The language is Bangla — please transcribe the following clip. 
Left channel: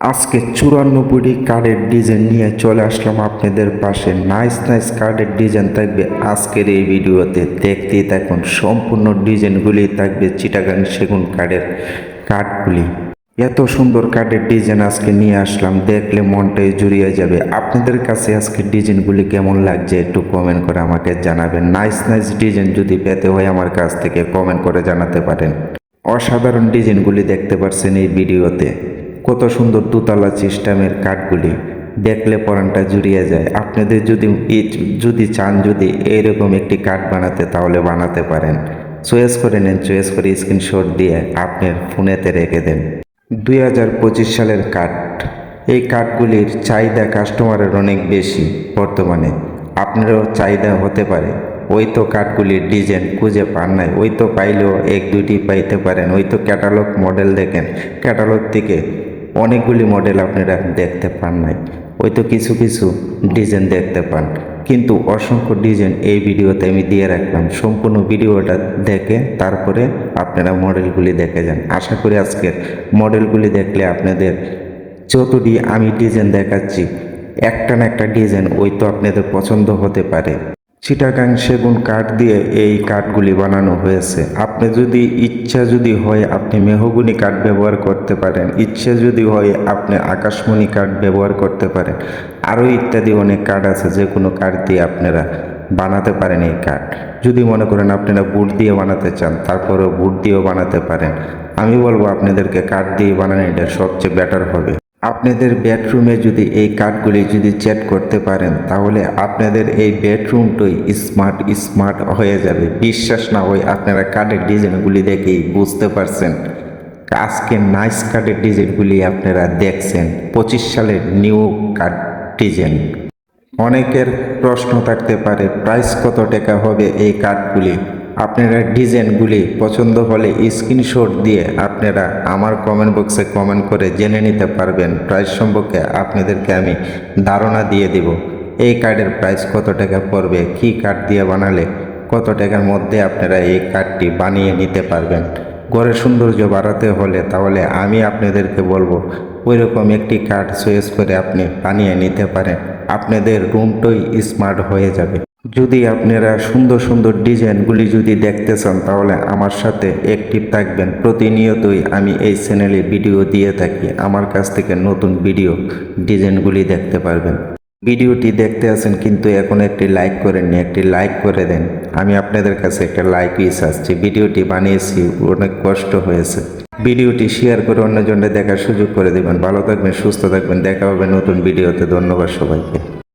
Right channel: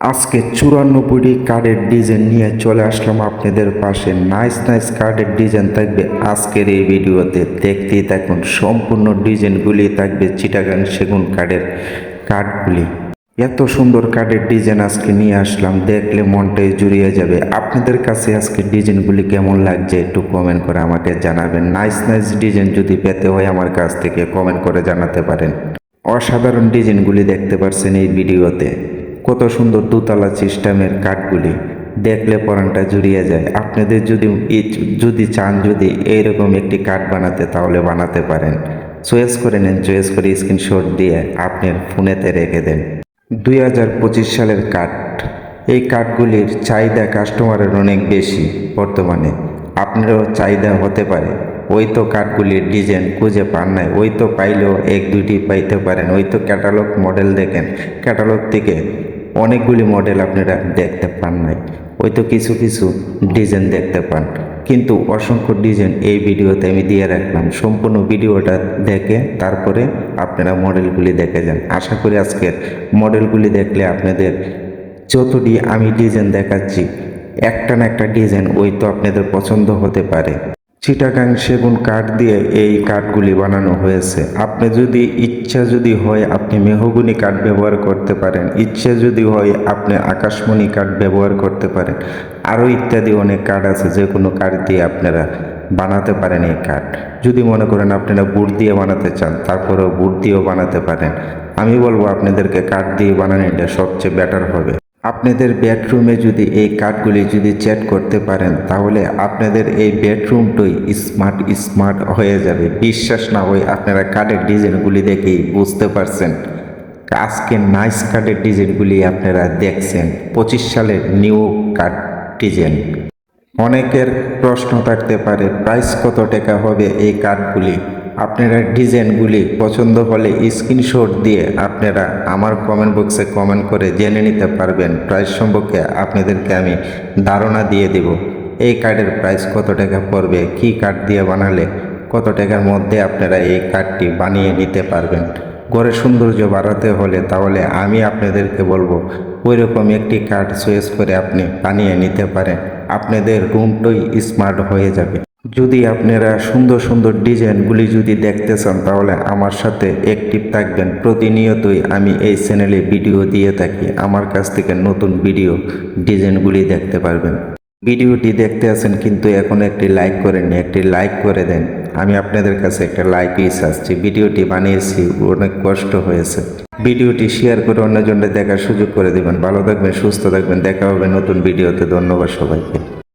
আজকে চুরানব্বইটি কার্ডের ডিজাইন নিয়ে চলে আসলাম আপনাদের পাশে। নাইস নাইস কার্ডের ডিজাইন থাকবে আজকের এই ভিডিওতে। দেখতেই থাকুন, সম্পূর্ণ ডিজাইনগুলি থাকবে চিটাগাং সেগুন কার্ডের কার্ডগুলি এত সুন্দর কার্ডের ডিজাইন আজকে নিয়ে আসলাম, দেখলে মনটাই জুড়িয়ে যাবে। আপনাদের কাছে আজকে ডিজাইনগুলি কেমন লাগছে একটু কমেন্ট করে আমাকে জানাবেন। নাইস নাইস ডিজাইন যদি পেতে হয় আমার কাছ থেকে কমেন্ট করে জানাতে পারেন। অসাধারণ ডিজাইনগুলি দেখতে পারছেন এই ভিডিওতে। কত সুন্দর দোতলা সিস্টেমের কাঠগুলি দেখলে পরানটা জুড়িয়ে যায়। আপনাদের যদি যদি চান যদি এইরকম একটি কাঠ বানাতে, তাহলে বানাতে পারেন। চয়েস করে নেন, চয়েস করে স্ক্রিনশট দিয়ে আপনি ফোনেতে রেখে দেন। দুই হাজার পঁচিশ সালের কাঠ। এই কাঠগুলির চাহিদা কাস্টমারের অনেক বেশি বর্তমানে। আপনারও চাহিদা হতে পারে। ওই তো কাঠগুলির ডিজাইন খুঁজে পান নাই। ওই তো পাইলেও এক দুইটি পাইতে পারেন। ওই তো ক্যাটালগ মডেল দেখেন। ক্যাটালগ থেকে অনেকগুলি মডেল আপনারা দেখতে পান নাই ওই তো কিছু কিছু ডিজাইন দেখতে পান। কিন্তু অসংখ্য ডিজাইন এই ভিডিওতে আমি দিয়ে রাখলাম। সম্পূর্ণ ভিডিওটা দেখে তারপরে আপনারা মডেলগুলি দেখে যান। আশা করি আজকে মডেলগুলি দেখলে আপনাদের যতটি আমি ডিজাইন দেখাচ্ছি। একটা না একটা ডিজাইন ওই তো আপনাদের পছন্দ হতে পারে। চিটাগাং সেগুন কাঠ দিয়ে এই কাঠগুলি বানানো হয়েছে। আপনি যদি ইচ্ছা যদি হয় আপনি মেহগুনি কাঠ ব্যবহার করতে পারেন। ইচ্ছা যদি হয় আপনি আকাশমণি কাঠ ব্যবহার করতে পারেন। আরও ইত্যাদি অনেক কাঠ আছে যে কোনো কাঠ দিয়ে আপনারা বানাতে পারেন এই কাঠ। যদি মনে করেন আপনারা বুট দিয়ে বানাতে চান, তারপরেও বুট দিয়েও বানাতে পারেন। আমি বলব আপনাদেরকে কাঠ দিয়ে বানানো এটা সবচেয়ে বেটার হবে। আপনাদের বেডরুমে যদি এই কাঠগুলি যদি চ্যাট করতে পারেন, তাহলে আপনাদের এই বেডরুমটাই স্মার্ট স্মার্ট হয়ে যাবে। বিশ্বাস না হয় আপনারা কাঠের ডিজাইনগুলি দেখেই বুঝতে পারছেন। আজকে নাইস কাঠের ডিজাইনগুলি আপনারা দেখছেন। পঁচিশ সালের নিউ কাঠ ডিজাইন অনেকের প্রশ্ন থাকতে পারে প্রাইস কত টাকা হবে এই কার্ডগুলি আপনারা ডিজাইনগুলি পছন্দ হলে স্ক্রিনশট দিয়ে আপনারা আমার কমেন্ট বক্সে কমেন্ট করে জেনে নিতে পারবেন। প্রাইস সম্পর্কে আপনাদেরকে আমি ধারণা দিয়ে দেব। এই কার্ডের প্রাইস কত টাকা পড়বে? কী কার্ড দিয়ে বানালে কত টাকার মধ্যে আপনারা এই কার্ডটি বানিয়ে নিতে পারবেন? ঘরের সৌন্দর্য বাড়াতে হলে তাহলে আমি আপনাদেরকে বলব, ওইরকম একটি কার্ড চয়েস করে আপনি বানিয়ে নিতে পারেন। আপনাদের রুমটাই স্মার্ট হয়ে যাবে। যদি আপনারা সুন্দর সুন্দর ডিজাইনগুলি যদি দেখতে চান, তাহলে আমার সাথে অ্যাক্টিভ থাকবেন। প্রতিনিয়তই আমি এই চ্যানেলে ভিডিও দিয়ে থাকি। আমার কাছ থেকে নতুন ভিডিও ডিজাইনগুলি দেখতে পারবেন। ভিডিওটি দেখতে আছেন কিন্তু এখন একটি লাইক করেননি। একটি লাইক করে দেন। আমি আপনাদের কাছে একটা লাইক ইস আসছি ভিডিওটি বানিয়েছি, অনেক কষ্ট হয়েছে। ভিডিওটি শেয়ার করে অন্যজনকে দেখার সুযোগ করে দেবেন। ভালো থাকবেন, সুস্থ থাকবেন। দেখা হবে নতুন ভিডিওতে ধন্যবাদ সবাইকে।